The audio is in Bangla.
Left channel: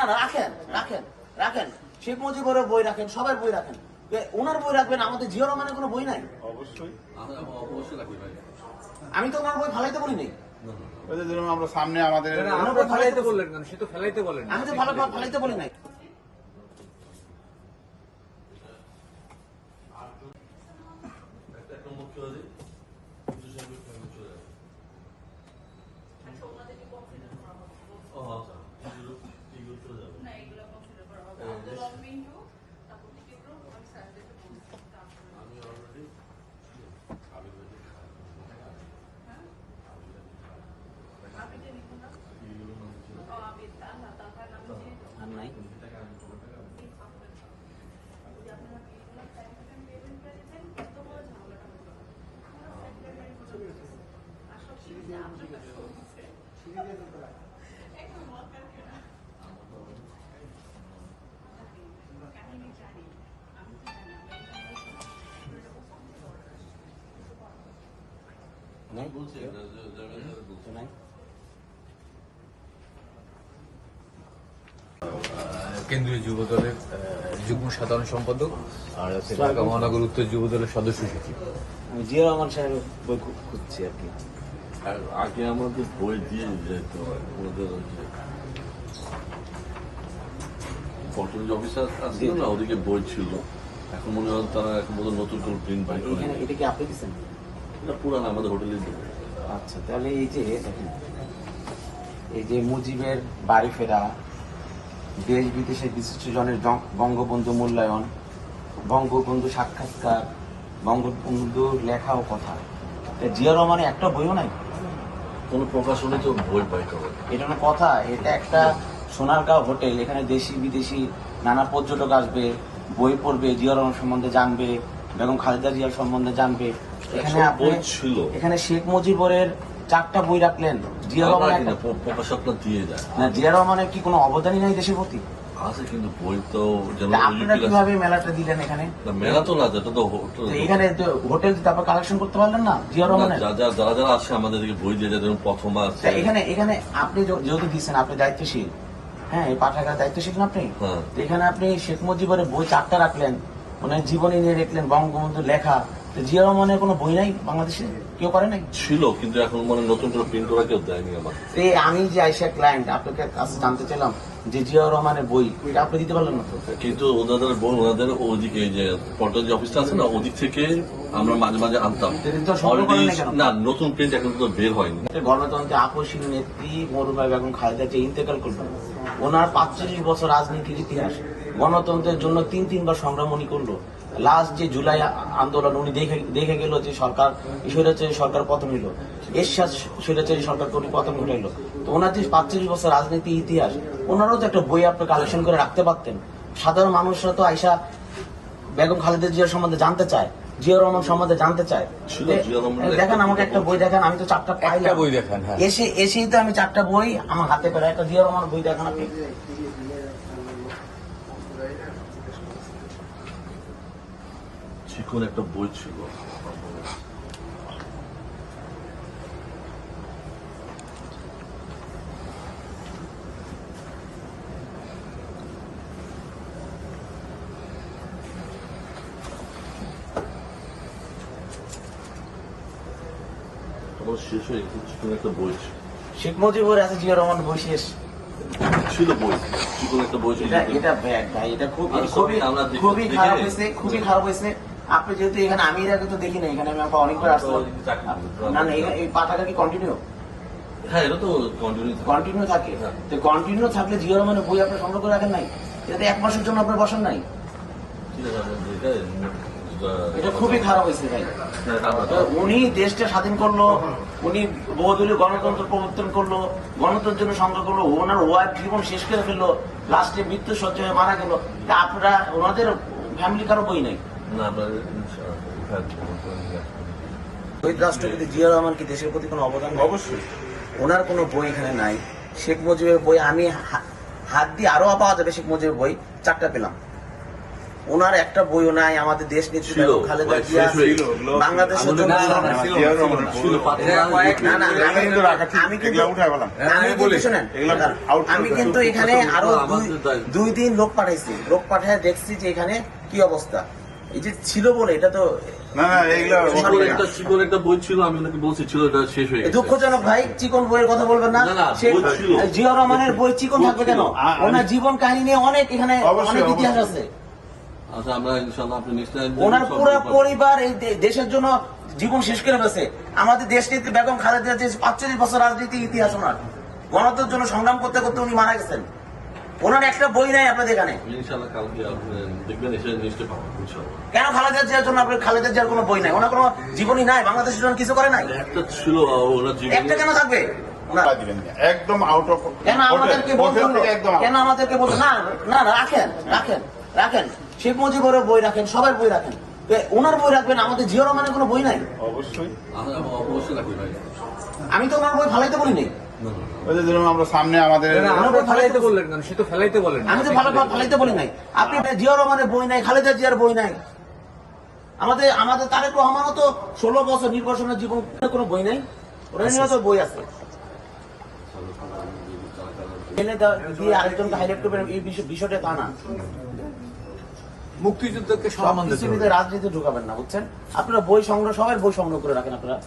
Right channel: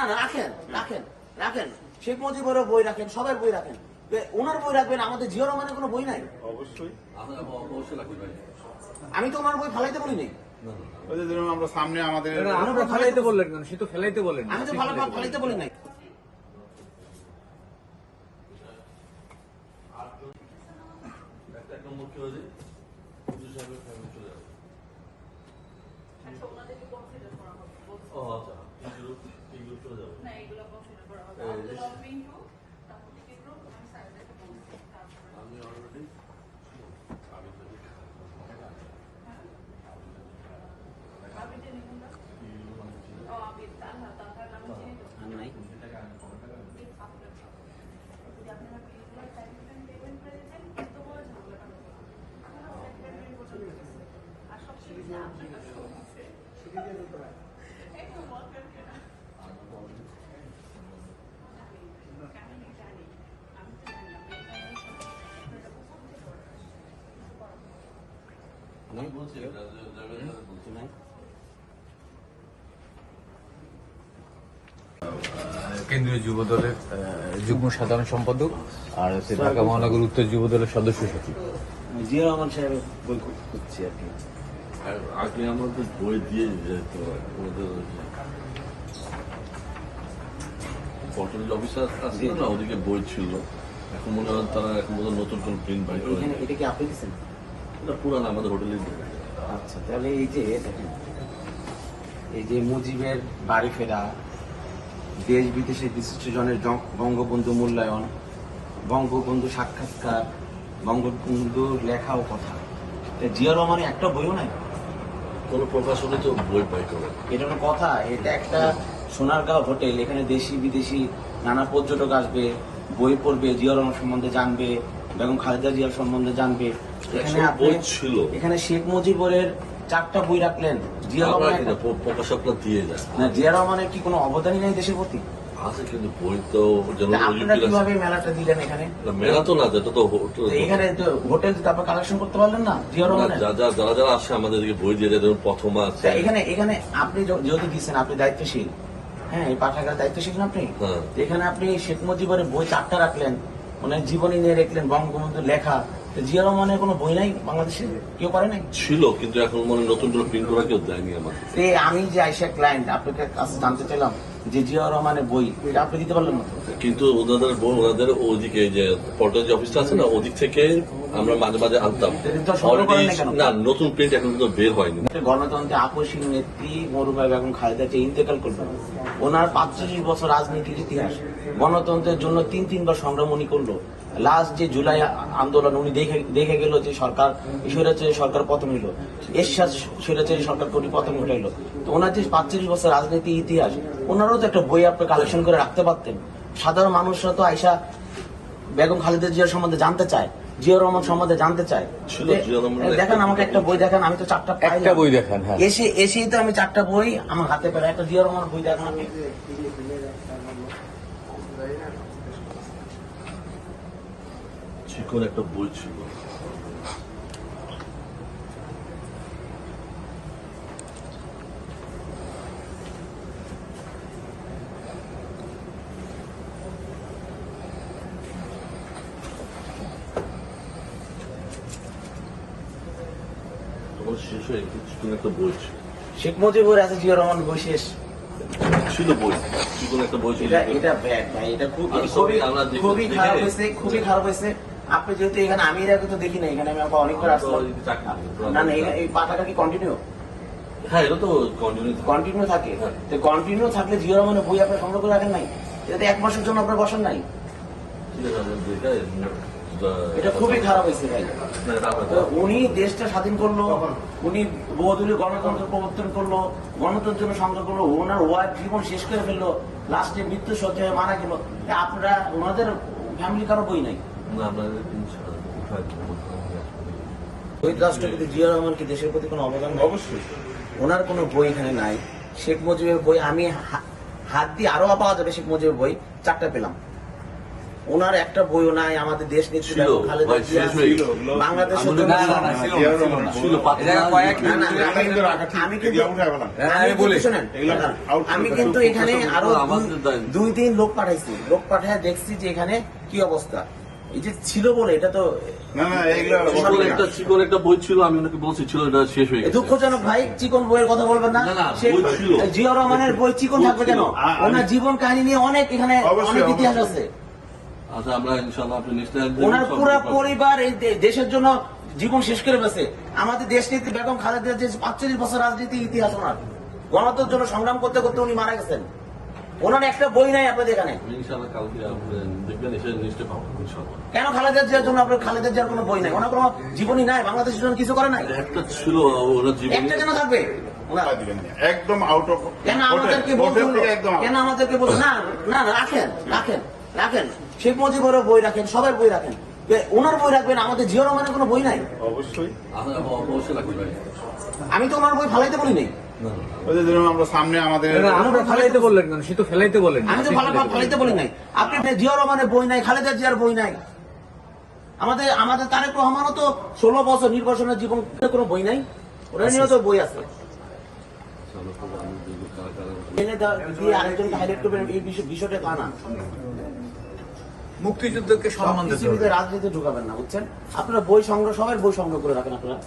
না না, রাখেন রাখেন রাখেন, শেখ মুজিবের বই রাখেন, সবার বই রাখেন, ওনার বই রাখবেন, আমাদের জিয়া রহমানের কোনো বই নাই। অবশ্যই আমি তো ওনার বই ফালাইতে বলি নাই। আমরা সামনে আমাদের ফেলাইতে বললেন কেন? সে তো ফেলাইতে বলেন। আমি তো ফালাইতে বলি নাই। কেন্দ্রীয় যুব দলের যুগ্ম সাধারণ সম্পাদক আর হচ্ছে ঢাকা মহানগর উত্তর যুব দলের সদস্য সচিব। জিয়া রহমান সাহেবের বই খুঁজছি আর কি। আর আগে আমাদের বই দিয়ে যেত ওদের পটল অফিসার আছে না, ওদিকে বই ছিল। এখন মনে হয় তারা এখন মনে নতুন কোন প্রিন্ট বাই করে। এটা কি আপনি দিচ্ছেন? এটা পুরান আমাদের হোটেলেই দেবে। আচ্ছা, তাহলে এই যে দেখেন, এই যে মুজিবের বাড়ি ফেরা, দেশ বিদেশে বিশিষ্টজনের বঙ্গবন্ধু মূল্যায়ন, বঙ্গবন্ধু সাক্ষাৎকার, বঙ্গবন্ধুর লেখা ও কথা, জিয়া রহমানের একটা বইও নাই। কোন প্রকাশনে তো বই পাই করে এটা কথা। এটা একটা সোনারগাঁও হোটেল, এখানে দেশি বিদেশি নানা পর্যটক আসবে, বই পড়বে, জিয়া রহমান সম্বন্ধে জানবে, বেগম খালেদা জিয়ার সম্বন্ধে জানবে। বই ছিল, এখানে শেখ মুজিবের 4টা বই রাখলেন, জিয়া রহমানের প্রকাশকরা দিয়ে যায় না, জিয়া রহমানের কি কোনো অবদানই নাই দেশের প্রতি? আছে, কিন্তু বই তো যেমন আপনারা কিভাবে মেলাটা দিলেন এখানে? মেলা তো না, যেটা তো এখানে হোটেল আপনার কালেকশন করতে পারলেন না জিয়া রহমানের? যারা যারা আসে আমাদেরকে বই দিয়ে যেমন প্রথম আছে। এখানে আপনি যেহেতু দিচ্ছেন, আপনি দায়িত্বশীল, হ্যাঁ, এই পাঠাগার দায়িত্বশীল না আপনি? হ্যাঁ। এখানে আপনি শেখ মুজিবের বই 4টা রাখলেন, মানে জীবনী নিয়ে রাখলেন, বঙ্গবন্ধুর লেখা। জিয়া রহমানের কোনো বই নাই বাংলাদেশে? কেউ করে নাই? ছিল, কিন্তু এখন মানে নতুন করে প্রিন্ট করা কেউ দেয়নি আমার। আমি যে আইসা ক্লায়েন্ট আপনাকে কাছে জানতে চাইলাম যে জিয়া রহমানের বই আপনি দিতে পারলেন না? কিন্তু ওনাদের বই ওনাদের ওদিকে যে পর্টাল যে অফিসটা আছে না, ওদিক থেকে আমরা মাঝে মাঝে আনতাম। অলরেডি না, নতুন প্রিন্ট এখন তো বের হয়নি। গণতন্ত্রের আকস্মিক নেত্রী মরুভাই বেগম খালেদা জিয়া ইন্তেকাল করলেন। ওনার 45 বছর রাজনীতির ইতিহাস, গণতন্ত্রের জন্য 3বার সংগ্রাম উনি করলো। লাস্ট যে জুলাই আন্দোলন উনি দেখে গেল যে সরকার স্বৈরাচারী সরকার পতন হইল, এরশাদ স্বৈরাচারী সরকার পতন ঘটাইল। ওনার যে 45 বছর রাজনীতি ইতিহাস, ওনারও তো একটা বই আপনি কালেকশন করে রাখতে পারতেন। সাধারণ মানুষরা তো আইসা বেগম খালেদা জিয়ার সম্বন্ধে জানতে চায়, জিয়া রহমান সম্বন্ধে জানতে চায়। দেখেন আমাকে একটা বই দেখান, আমি তো 4টা পাইলাম। বই দেখান। এসেই তো আমি 4টা বই আমার হাতে পাই। একটা জিয়া রহমান বই দেখান আপনি। চিকন একটা বই ছিল, শেষ হয়ে চিকন একটা বই ছিল। শেখ মুজিবের আছে জিয়া রহমান বই শেষ ছিল বই, চিকন একটা বই ছিল। এটা ব্যাগ ভাই, এটা খুবই খারাপ হয়েছে, খুবই খারাপ হয়েছে। আপনি যেহেতু এখানে, আমি এর আগে তো দেখি না, এখানে আমি অনেকবার আসলাম। না না, এই পাতাটা কি কন্টিনিউ? হ্যাঁ, এটা তো কন্টিনিউ থাকে। তো কন্টিনিউ থাকলে জিয়া রহমানের বই আপনি সংগ্রহ করে রাখেন নাই? এটা 1 মাসের জন্য আপনি বসেন নাই? এটা খুবই খারাপ হয়েছে ভাই। উনি দেশটা স্বাধীন করলো, উনি বহুদলীয় গণতন্ত্র প্রবর্তন করলো, গণতন্ত্রের জন্য সংগ্রাম করলো, ওনার ওয়াইফ জীবন শেষ করে ফেললো, লাস্টে মৃত্যু সজ্জায় মারা গেল। আপনারা ওনাদের ফ্যামিলি কারো বই নাই? শহীদ রাষ্ট্রপতি জিয়া রহমান কি দেশের প্রতি কোনো অবদান? অবশ্যই। ওনার কোনো বই এখানে নাই। শেখ মুজিবের বই আমি হাত দিয়ে আরো পাওয়া যাবে, শেখ মুজিবের বই 4টা পেলাম। ওনার একটা বইও নাই আমাদের দেশ নেত্রী বেগম খালেদা জিয়া বাংলাদেশের জন্য না না আমি কিন্তু শোনেন আমি কিন্তু এখানে আরো দুই দিন লোক পাঠাইছি, লোক পাঠায় দেখছি যে এখানে কি অবস্থা। এই যে ছিল বলে এটা তো না না এগুলো চিকন একটা বই ছিল, আমি ওনাকে বলছি ছিল, এটা শেষ হয়ে গেছে। দুঃখজনক ভাই, চিকন বইয়ের কথা বলবেন না। না, না, সে বই ছিল। জিয়া রহমানের বই চিকন থাকবে কেন? ওনার জীবন কাহিনী নিয়ে অনেক এখানে অনেক ইতিহাস আছে। আচ্ছা, আমরা ইনশাআল্লাহ আপনি নেক্সট টাইম ওনার পুরো পরিবার এই দেশের জন্য জীবন শেষ করে ফেলেছে। আমাদের দেশ নেত্রী বেগম খালেদা জিয়া 45 বছর রাজনীতি ইতিহাস ওনার, গণতন্ত্রের জন্য সংগ্রাম করতে করতে উনি মারা গেছেন। ওনার একটা বই নাই আপনাদের এখানে। ইনশাআল্লাহ কালকে আপনি দেখবেন, এসে নিশ্চয়ই পাবেন ইনশাআল্লাহ। কেন খালেদা জিয়ার জন্য আপনার খালেদা জিয়ার কোনো বই নাই? ওনার কোনো জীবনই নাই, বাংলাদেশের জন্য কিছু করে নাই। একটা ছিল ওনার জীবনে, একটা কেন থাকবে ওনার? একদম আউট অফ কেন আমাদেরকে বলতে হলো? কেন আমাদেরকে বলতে না না না রাখেন রাখেন রাখেন শেখ মুজিবের বই রাখেন, সবার বই রাখেন, ওনার বই রাখবেন, আমাদের জিয়া রহমানের কোনো বই নাই। অবশ্যই অবশ্যই রাখবেন ভাই। আমি তো ওনার বই ফালাইতে বলি নাই, আমরা সামনে আমাদের আমরা ফেলাইতে বললেন কেন? সে তো ফেলাইতে বলেন। আমি তো ফালাইতে বলি নাই। আপনি জিয়া রহমানের বই নাই, খালেদা জিয়ার বই নাই। আমাদের তারেক রহমানও তো 16 বছর নির্বাচনের জীবন কোনো বই নাই, ওরা নিয়েও তো বই আছে। এনে দিয়ে আরেকজনকে হাইলাইট করবেন এই বিষয়টা তা না। মুক্তিযুদ্ধকে সম্মান দিতে হবে। রাজনীতি ঢুকাবেন না, বুঝছেন? আপনারা বই সংগ্রহ, সবাই বই সংগ্রহ করে রাখেন আপনারা।